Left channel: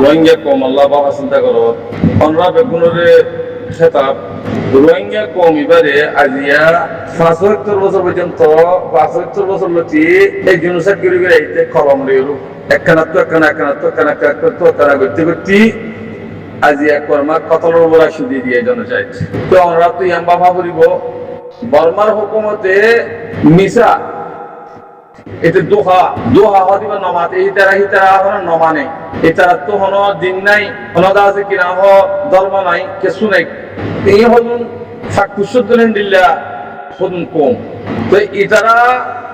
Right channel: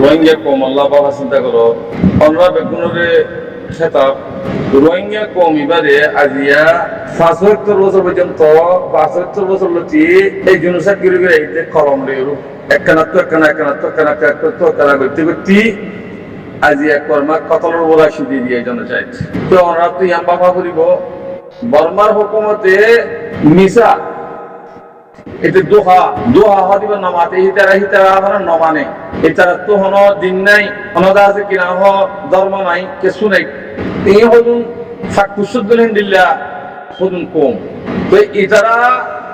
রোহিঙ্গা কম আল্লাহ বাবা চিন্তা করো অনরা বেগুনরে খেতাব রোহিঙ্গা কম এবারে আজিয়া ৭৫ বছর পর্যন্ত ৭৫ বছর লচি এই জনসাক করে বেড়াইতে কলম রেরু একখানা করতে করতে আজিয়া কর্মা কতলর বলা সিদ্ধি দিয়ে জনসাইট তো অনরা তো ইয়াম বাবা করিব বর্মার হুকুমতে মিসা এটা দোহা হদিবা নমাতে হিতারা হন নমানে এটারা তো হন দিন নাই হনদা আছে কিনা হ ধর্ম নাই কিছু নাই এই হদুন ফাকুসুদ্দিন দিল্লা হদুন কম তো ইতারা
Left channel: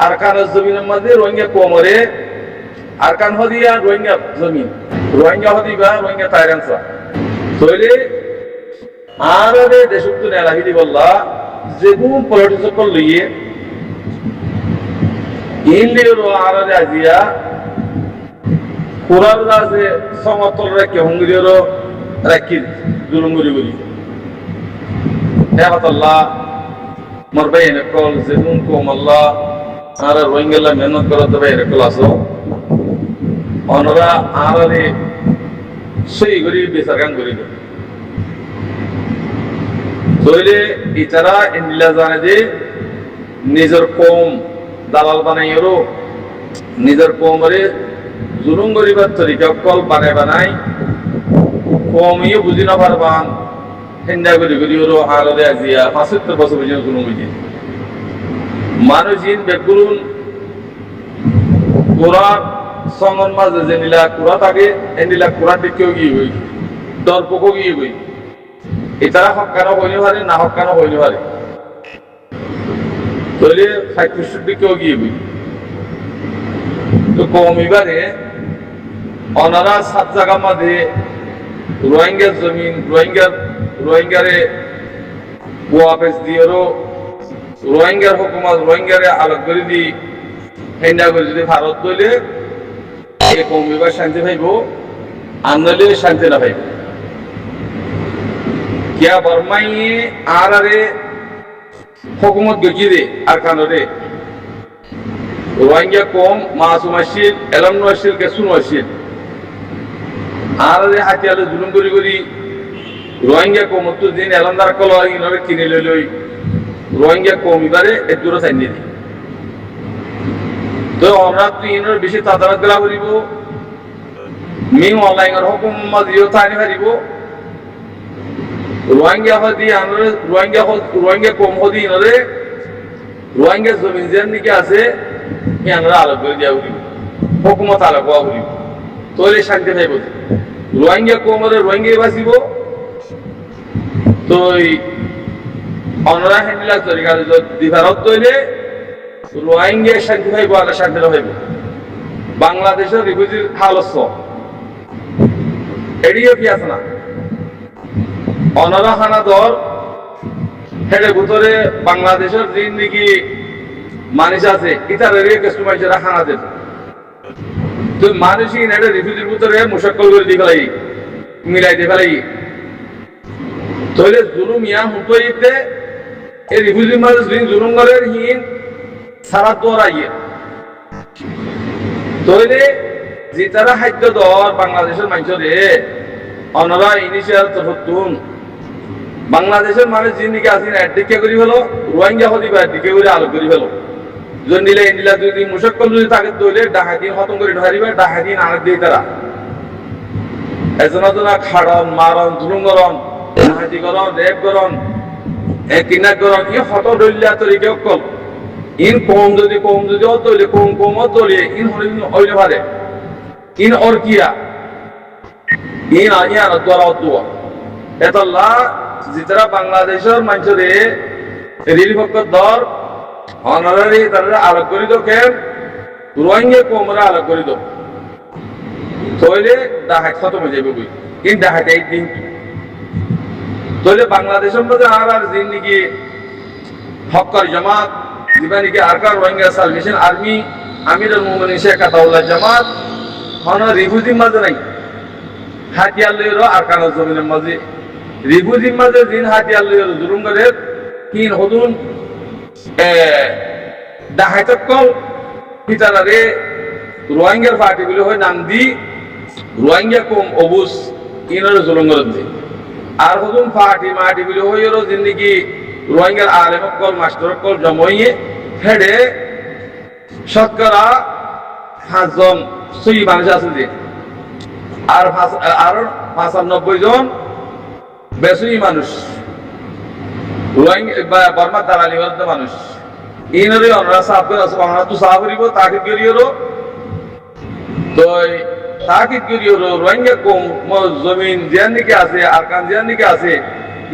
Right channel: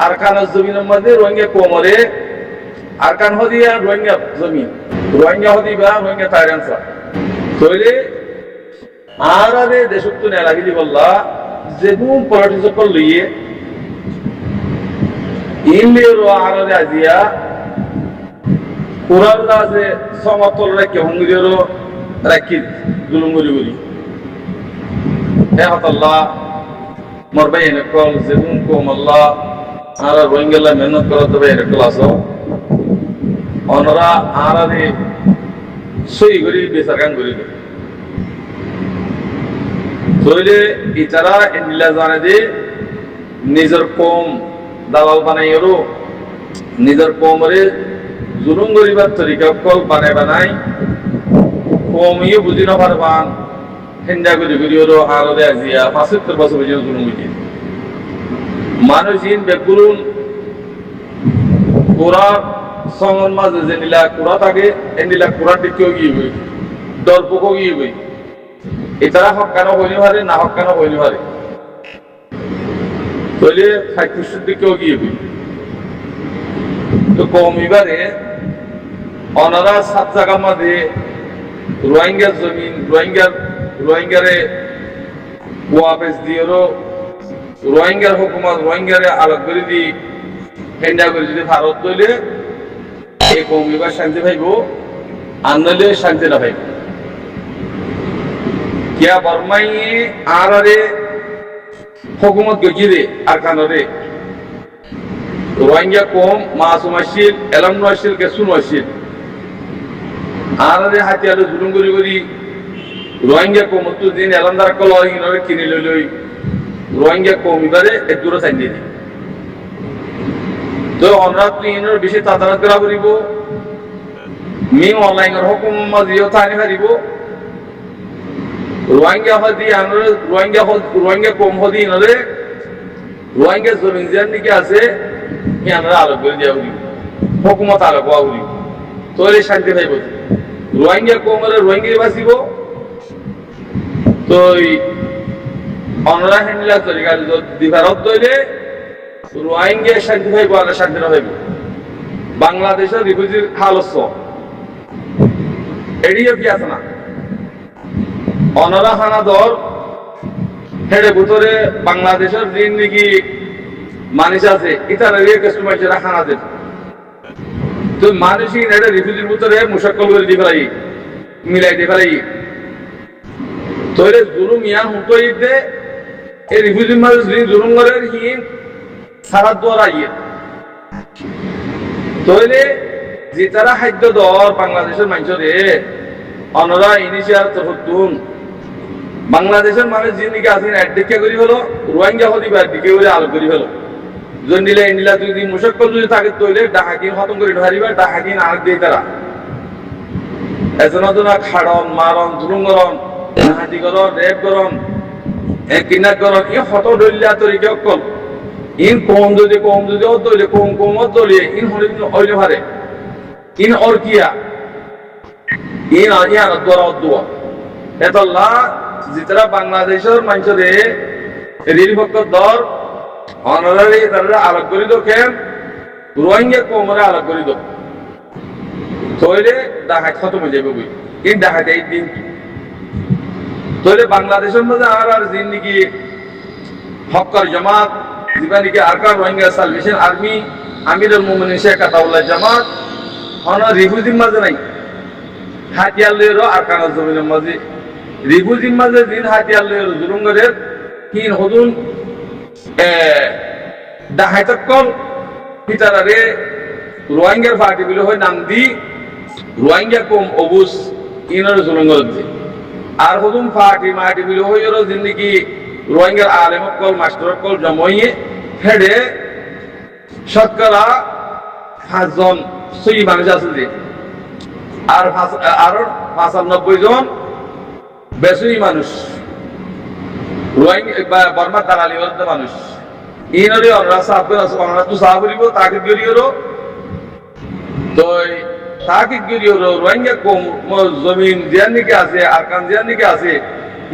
আরকানের জমিনের মধ্যে রোহিঙ্গা কমরে আরকান হদিয়া রোহিঙ্গা জমিন রোহিঙ্গা হদিবা রোহিঙ্গা তাইরানসা তৈলে আর রে দেশত্ব নেলাহি দি বললা যেগুন পলিটিক্স কল লইয়ে ইনলিওর আরদে আজিয়া কুরার আছে সমতল রাখি হঙ্গির রাখি জুলুমুরি গুলি হে হতাল্লাহ মরবাই এনেকল যেগুন কম আল্লাহ আর রোহিঙ্গাল্লা মেহনত করার দেবে এনেকল আসো অনরা আরে সই করি বেচার কাম করি তইলে ইতারা এনিলা জানে যে নিজের কম দালাল বানাইরো নিজের কমরে জুলুম করিবার তরিকা কল বানাই কমিও বুঝি না পারবান হেন্দা করি ওরো আরদে আজিয়া ৭৫ বছর পর্যন্ত জুলুম বুঝি মানুষ ইন বেগুলুন কোরআন সঙ্গন মাঝে যে নীলা কোরআ থাকে এনিলা কোরআন দিকেও গিয়ে হই দর্পকও গিয়ে হই এতারা হকানো হইনি পারে না হকানো হইনি পারে তৈলে ফাইকুশের দিকেও গিয়ে হই তো কম এবারে অনারা ৭ জায়গার মাঝে রোহিঙ্গার জমিন রোহিঙ্গারে ওয়াপেস দিয়েরও রোহিঙ্গার হুকুমত রোহিঙ্গারে আলোক করে দি হেন্ডা করে যদি ভারত দইলে এই কম এবার শান্তি পাইব আনলে শান্তি না পাইব কিয়া বর্মাই আরে হুকুমত গজিরে আর কানরে রোহিঙ্গা কম মাসুম আসিল এলাম আসিল কে শুনো আসিল আরে হাতিয়ালে জুলুম করি রোহিঙ্গা কম তো দিন এলামদার কল হিনরে কিনে লই রোহিঙ্গা কম এবারে এক দূরে চাইনি দি তো আমরা তো ইনর বেশি তাদারত করা করিব মি অনলাইনের হুকুম মাজিও থানি হারিব রোহিঙ্গা হদি আমরা রোহিঙ্গা কম হদি ইনরে রোহিঙ্গা জমিন যেন নাকি আছে ই আমরা আলোক করে দিয়া করিব হুকুমত আলোক হওয়া করিব তৈলে শান্তি পাইব রোহিঙ্গা কমরে রোহিঙ্গাই বাঁচিব তো অনরা হেন্ডিলা তরিকার দিভারত দইলে রোহিঙ্গা শান্তি পাইব আগে শান্তি না পাইব বাংলাদেশের রিফিউজির হালস্য এড়িয়ে ফি আছে না অনরা হানা দর হেডে ভিতরে বাংলাদেশের দিন নাকি মানুষ আছে ইতার কিছু মানুষেরা হানা দেন তো মানুষই এটা রিফিউজির ভিতরে মুশাক্কল করে দিয়ে ফেলাই মিলাই দিয়ে ফেলাই তইলে জুলুম ইয়া হুঁতোই দে এই রিফিউজির মাঝে জুলুম করে হিন সারা দোয়ার আইয়া তইলে যে তারা খাদ্য দর বাংলাদেশের মানুষরে অনরা ইনিশিয়ার তরফতুন বাংলাদেশের মানুষ যিনিকে আসেন একদিকে করি ফেলো রোহিঙ্গা হদিবা একদিকে করে আলো করি ফেলো জন্ডিলা ইন্ডিলা যদি মুশাক্কল যদি থাকে তইলে ডাহাদিন খতম করে ধরিবা ডাহাদিন আর দিয়ে তারা এজনা খাড়ন মারন জুলুম করন ডাহাদি করন রেপ করন কিডন্যাপ করন ই ফটো দলিয়া তরিকে অকল ইন কম যদি অদলে কম অদলে ইন হলে অইলে পারে ইন অরকিয়া ইন ইয়ান দ্বারা অদুয়া এতল্লা যেতারা বাংলাদেশের মানুষরে রিলিফক দর অনারারি তারা আলোক করি দো কেন রোহিঙ্গা কমরা আলোক করি দো তইলে ডাহাত খতম হয়ে যাবে বই কিন্তু ডাহাত এই দিন তইলে বাংলাদেশের মধ্যে আর দিন নাকি হক্কর জামাত যেটা নাকি আরকান রোহিঙ্গা সালভেশন আর্মি আমিরুল মুমিনিন শেখ আতাউল্লাহ জামাত হন রিফিউজির মাঝে নাই হাতিয়ার লইরো আরকানের জমিনের মাঝে রিফিউজির মাঝে দিন হাতিয়ার লইরো জুলুম করে কিন হদুন ডাহাইতকল পিতারারে রোহিঙ্গার পার্টি গুলো হয় নাম দি রোহিঙ্গা কম অবুজ ইনর জুলঙ্গর দি আর হুদুম ফাটি মাটি বিলো হইরো জিন্দিগি রোহিঙ্গার আলেম কল মাস্টার কল জমইয়ে হেডে শতকরা 5 জন সই মানুষ আছে যে আর 95 জন বেসুই মানুষ রোহিঙ্গা বর্মার দালালি করতে মানুষ ইনরে অনরা সাফ করে আছে অনরা তো সাফ করিব তাকিদ করিও তো তাকিদ করিও রোহিঙ্গা কম জমিন জিয়ান দিকে আছে আর কান জিয়ান দিকে আছে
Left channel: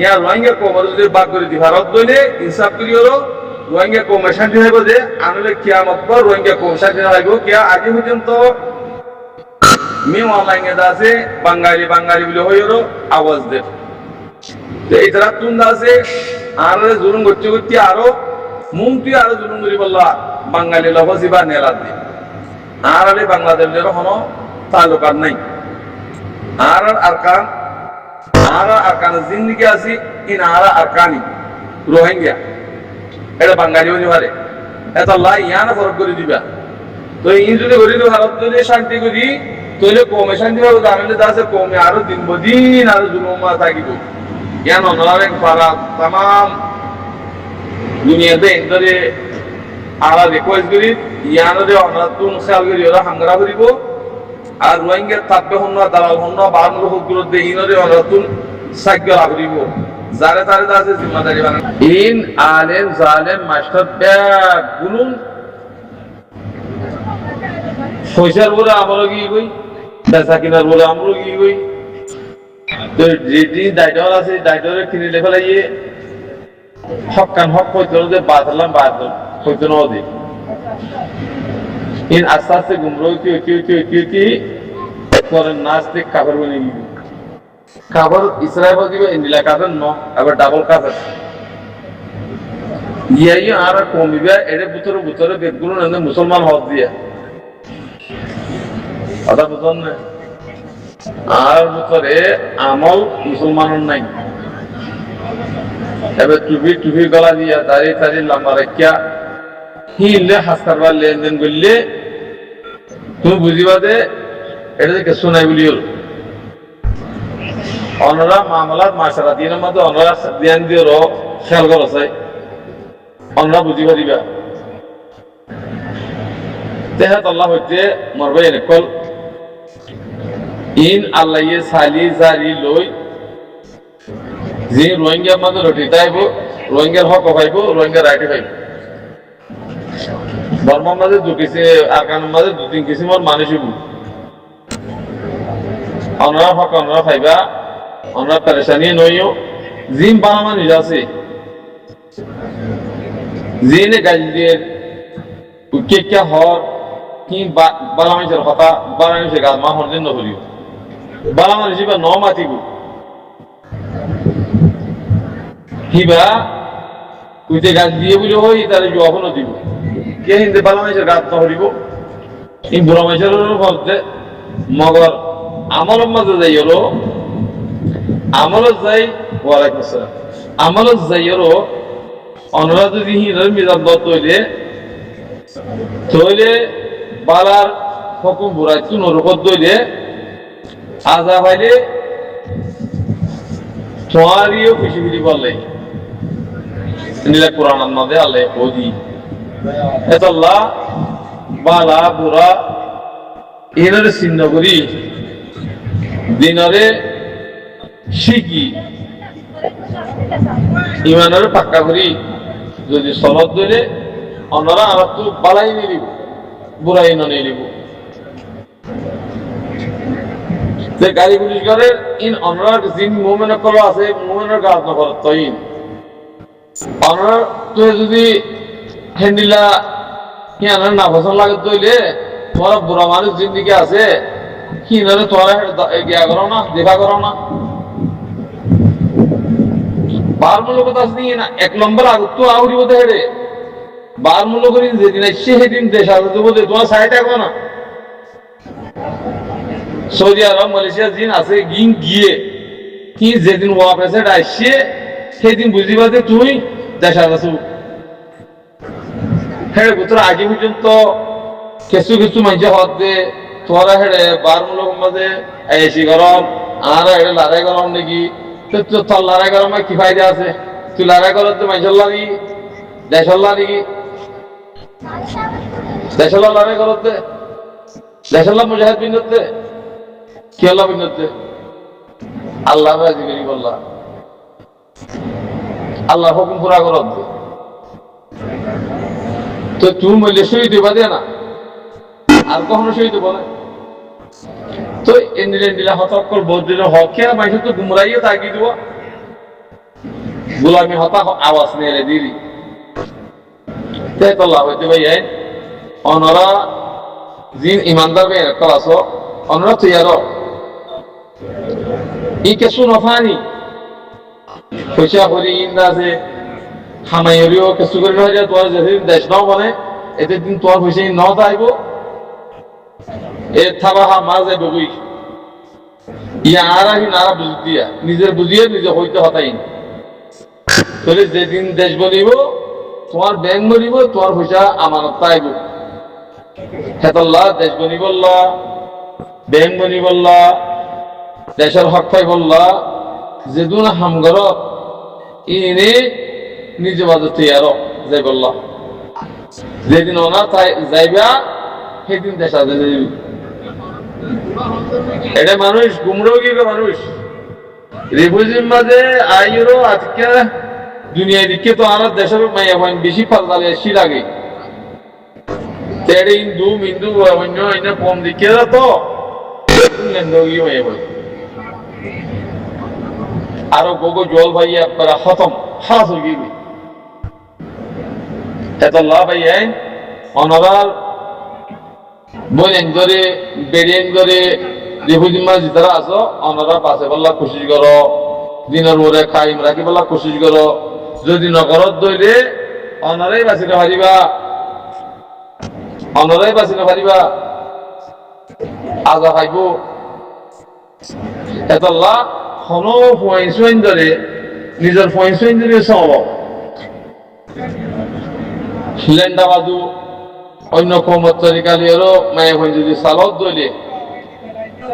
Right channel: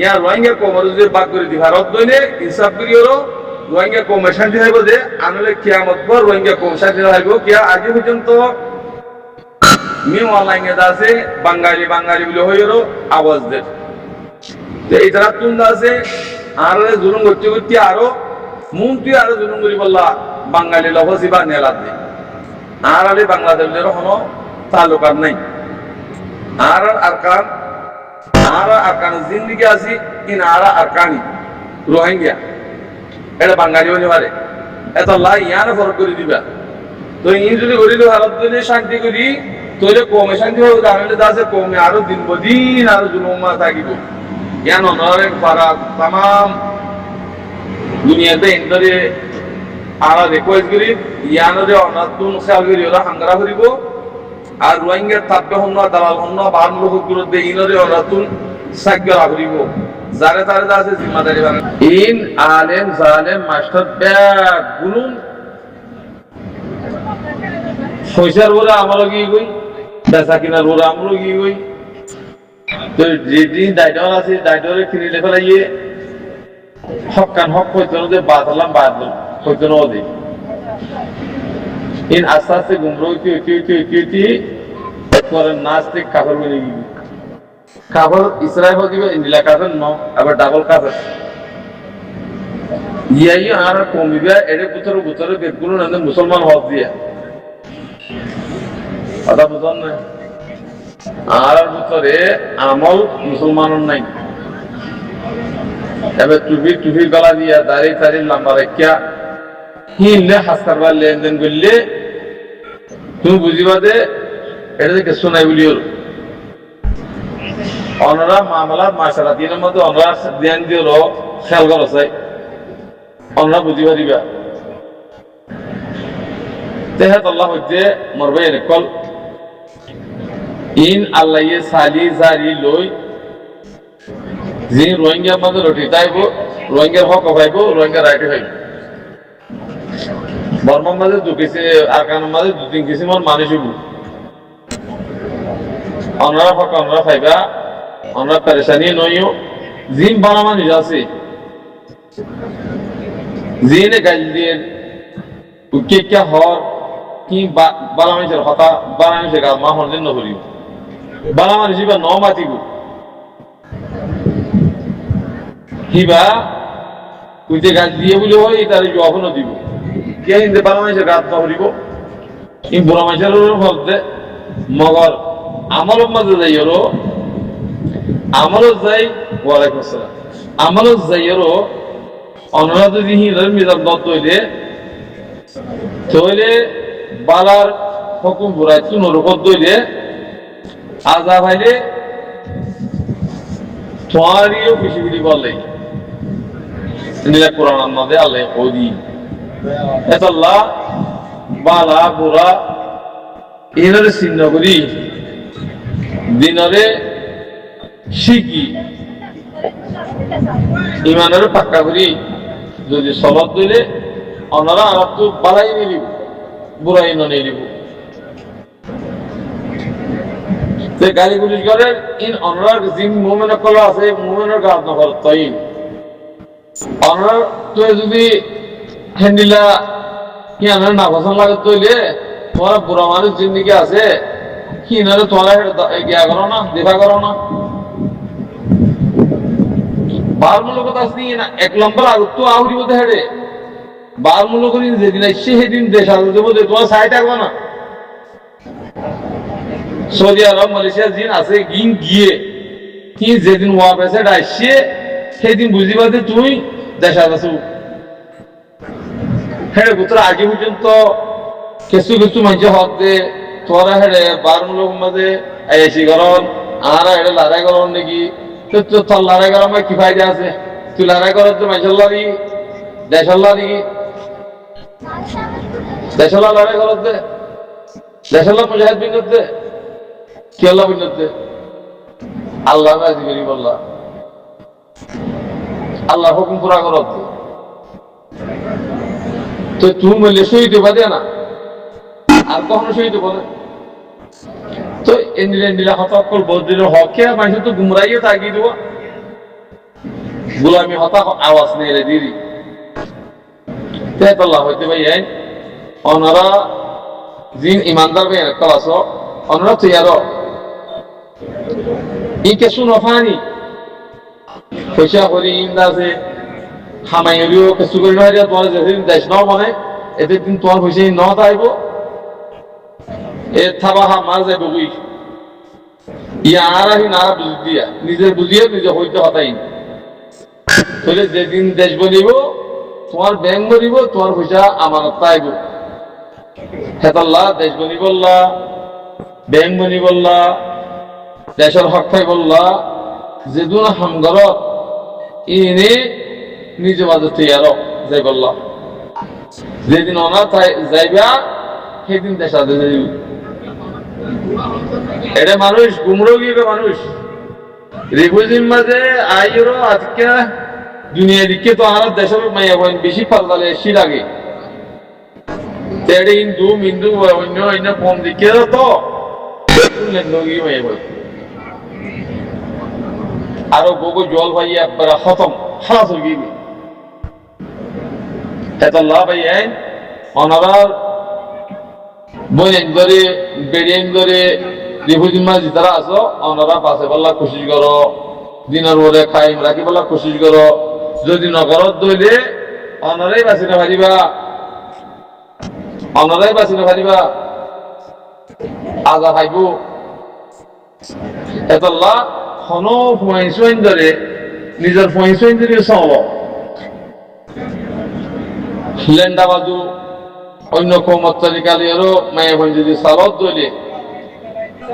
ইয়া রোহিঙ্গা কমর যদি বাদ করে দি ভারত দইলে ইনসাফ করিও রোহিঙ্গা কম শান্তি হইব যে আনলে কিয়ামত পর রোহিঙ্গা কম শান্তি হইব কিয়া আগে পর্যন্ত মি অনলাইনে আছে বাঙালি বাঙালি বলে হইরো আওয়াজ দে তো এই তারা তুন্দা আছে আর জুলুম করতে করতে আরো মুমতি আরো জুলুম করি বললা বাঙালি লফসি বা নেলাদ দি আর আলে বাংলাদেশের কোনো তালুকাত নাই আর আরকান জিন্দিগি আছে ইন আরকানি রোহিঙ্গা এটা বাঙালি হতে পারে এত লাই ইয়ানা ফরক করে দিবা তো ইন যদি করিলে ভারত যদি শান্তি করি তাহলে কমে শান্তি পাবো জানালে দাসে কমে আরো দিন বদিন আরো জুলুমা থাকিব ইয়ান অনরারে পারা তাম দুনিয়াতে ইন্দরে আরা রিকোয়েস্ট করি ইয়ানরে অনাতুন খেয়াল করি ওরা হাঙ্গারা করিব আর রোহিঙ্গা থাকবে হন না দালাল হন না বাহার লোক বিরুদ্ধে ইনরে অনাতুন সাক্ষ্য রাখরিব যারে তারে দাসে জিম্মাদারি বানান ইন আলেম জালেম মাস্টার ব্যাগ গুলুন পয়সার বলে আমল কি কই পেশা কিনার বলে আমল কি কই তো যেদিন দায়িত্ব আছে দায়িত্বরে কিনে ফেলাইয়ে হক কান হক হইতো যে বাদলাম বাদল হইতো না ওদি ইন আস্তে আস্তে গুমরো কি করেন নাস্তিক কাফের বনে গিয়ে কাফের ইসরায়েল হয়ে যাবে ইন্ডিয়া কাফের ন আবার ডাবল কাফের ইয়াই আর কমিবে এর ভিতরে বেদগুলো না মুসলমান হজ দিয়া কথা বুঝন না আর ভিতরে আমল মুসলমানের নাই এবার টুপি গলা দিয়া দাঁড়িয়ে লম্বা রাখিয়া হিনলে হাসকারবার লেনদেন করলে তুমি বুঝিবা যে এটা যে কিছু নাই বলি অনরা মামলাত মাসারা তিনের মধ্যে অনরা ধ্যান দিও খেয়াল করছে অনরা বুঝি পারিবা তেহাত আল্লাহ হইতে মরবাই এনেকল ইন আল্লাহ সালি জারি লই যে রোহিঙ্গার মধ্যে লটি তাইব রোহিঙ্গার হক পাইব রোহিঙ্গার রাইট পাইব বর্মার মাঝে দুকিছে আর কানের মাঝে 2-3 কিসিমের মানুষ হইব অনরা হক অনরা পাইবা অনরা পেরেশানি নইও জিন বালা মানুষ আছে জিনে গাল দিয়ে উকেকা হর কি বালা মানুষের কথা বালা মানুষের গাছ মা হরদিন নকরিব বালা মানুষ বা ন মাতিব হিবা উইতে গাছ দিয়ে বলে হয় তার এখনো দিব কে হিন্দে বালা মানুষের গাছ নহরিব এই বুড়া মানুষের ভাবতে মগর আমলের মাঝে যাই ওরো আমলত যাই ওয়ালাইকুম আসসালাম আমলত যাই ওরো অনরা যদি হিন্দর মিজান দত তৈলে বালার হুকুম বুড়াই তু নরকত দইলে আজা ভাইলে তোমারিও খুশি খুশি করলে নিলা কোরআন মধ্যে আল্লাহ ওদি এতাল্লাহ বালা বুড়া ইনরে চিহ্ন করি দিনরে শিখি ইমানের পাক্কা করি যদি সনদ দিলে অনরা আর তো বালাই নিলিব বুড়াই নিলিব গালি পুলিশ করে ইন অনরার জিন মুমেন কলা আছে মুমেনের কাজ নকর তই অনরার তো যদি হ্যান্ডিলা কি আনার না পছন্দ লাগে তৈলে তোমার বুড়া মানুষ জিন্দিগি আছে কি নারে তোমার গিয়া করো না দেখা করো না বার মূল্য কথা আসনি না 1 নম্বর আগত তো আহুরি বোধ হেডে বার মূল্য করি যেদিন আসছে সেদিন দেশ আসবে বোধ তোমার সাহায্য থাকবে না সৌদি আরব মালয়েশিয়া জিন আছে গিয়ে কি যেদিন ওয়া পেছে আসছে সেদিন বুঝিবা যে তুই দেশা আছো হ্যাঁ পুত্র আগে পর্যন্ত কিছু কিছু মানুষ হদ দে তোরা হেডে বার মূলক মাঝে এসি গরম আর হেডে লড়াই গরম নাকি তো তোর লড়াই গরম কি ফায়দা আছে তুই লড়াই করত তো মাইসল্লা দিকি দেশল্লা দিকি দেশল্লা লড়াই করত দে দেশল্লা মুজাহিদ বিন্দুত দে কি আল্লাহ বিন্দুত দে আল্লাহ রাজি করি বললা আল্লাহ হুকুম পুরা করত দে তো তুমি বললে শহীদ বাদে না আর কখনো শহীদ বলে তো এন্ডিলা হতকল বদিনের হকে মানুষ তো গুমরাইয়ে তাগি দেওয়া গুলামি হতা আওয়াজ নিয়ে দিদি তেতল্লাহ হইতে ভাই অনরা জিন ইমানদার ভাই ক্লাস অনরা তৈয়ার ই কেসু নফানি পয়সা করি ইন্দা আছে খামাইরিও কেসু করি নহারিয়া তোমার যেদিন দেশ ন বনে এতে দিন তোমার পয়সা ন তাইব এ থাবা হা মা যাইব বই ইয়া আর আহি নারা বুঝ দিয়া নিজের বুঝিয়ে নিজে হইতে হতাই তাহলে যেদিন দেশ বলিব তোমার ব্যাংক বলিব তোমার পয়সা আমানত তাইব হেতাল্লাহ দেশ বনি বললা ব্যাংক বনি বললা দেশের হক পাই বললা যেদিন হামগরত ইনে নিজে বাজে তৈয়ার যাই বললা যেদিন ওনা যাইবা সেদিন দেশ আজ এটা মানুষ গুমরোগী মানুষ রিফিউজির মাঝে আইরো আজকে দুনিয়া দিকে তো আর দেশের মাইয়া বেশি ফালতালে এসি লাগে তেড়ে হিন্দু মিন্দু অন্য অন্য কম দিকে তো লেন্ডগি মাইয়া ভাই আরো গোগো জল ভাই একবার খতম খালাস হয়ে গিয়ে এতল্লাহ ভাই অনারার বইন ধরে বেড়িয়েন ধরে রিফিউজির মাঝে যারা আছো অনারা বাসে বললা কোশিশ করো দিনের পরে খাইম রাখি বললা কোশিশ করো যদি নগরত দইলে অনারাই বাঁচি না পারিবা অনারাই বাঁচি না পারিবা আজা খাইব এতল্লা হন ফুয়াইন ধরে নিজের ফুয়াইন ধরে চল লেন্ডা বাজু অন্য কমত তরিকালিয়ারও মায়ে বোন যদি সালত দইলে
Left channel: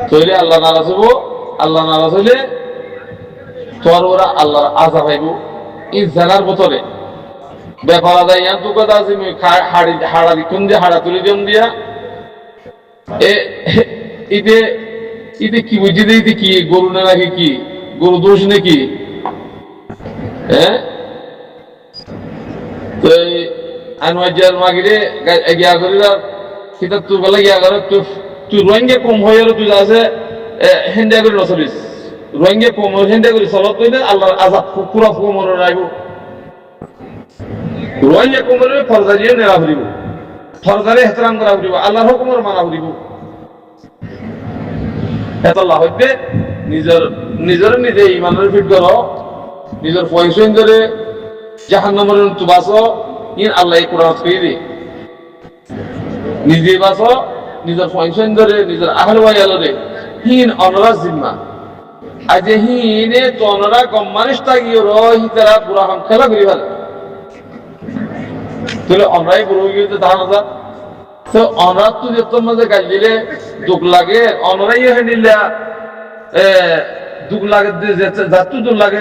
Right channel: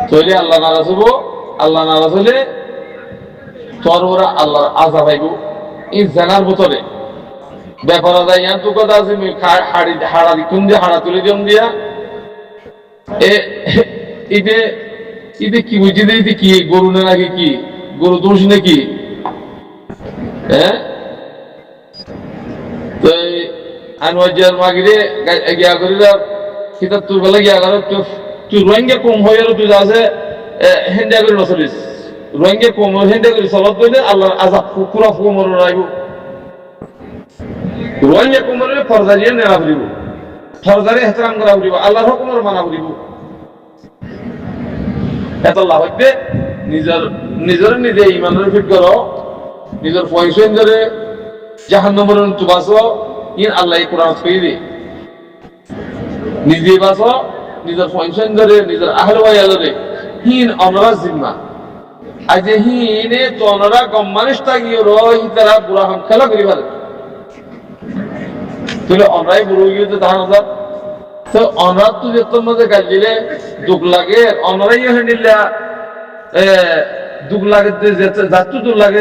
তৈলে আল্লাহ নারাজ হইব আল্লাহ নারাজ হইলে তোর ওরা আল্লাহর আজা পাইব ই জেনার বোতলে ব্যাপার আদায় ইয়ান তু কথা আছে হাড়া দিক্ষণ দিয়ে হাড়া তুলে দিয়াম দিয়া ইতে ইতে কি বুঝি দে ইতে কি গরু না নাকি কি গরু দোষ নাকি হ্যাঁ তো আনোয়ার মাগিরে গিয়া করি কিতাব তুই গেলে গিয়া করে তুই রোহিঙ্গা কম হয়ে আর তুই আছে হেন্ডা করে নচলিস রোহিঙ্গা কম হেন্ডা করে চলত করলে আল্লাহর আজাব পুরা ফুমর রাখব রোহিঙ্গা কম হলে ফরজারিয়ে নেড়া ফুরিব ফরজারি হেতরাম করা ফুরিব আল্লাহর হুকুমর মানা ফুরিব হেতাল্লাহ হইতে নিজের নিজে ইমানের ফিট করো নিজের পয়সা ধরে জাহান্নামের তুবাস ইন আল্লাহ কোরআন ছুঁয়ে দি নিজে বাস নিজের পয়সা ধরে নিজের আহলে ওয়াইয়ালরে হিন অনরা জিম্মা আজ হিনে তো অনরা গম মানুষ তাগিয়ে রহি তারা বুড়া হাম খেলা করি ভালো তাহলে অনরাই বুড়ো গিয়ে তো ধান হাজার তো অনরাত তো যে তোর মাঝে গাছ দিলে দুঃখ লাগে অনরাই হ্যান্ডিল্লা দুঃখ লাগে যাচ্ছু দুঃখ লাগে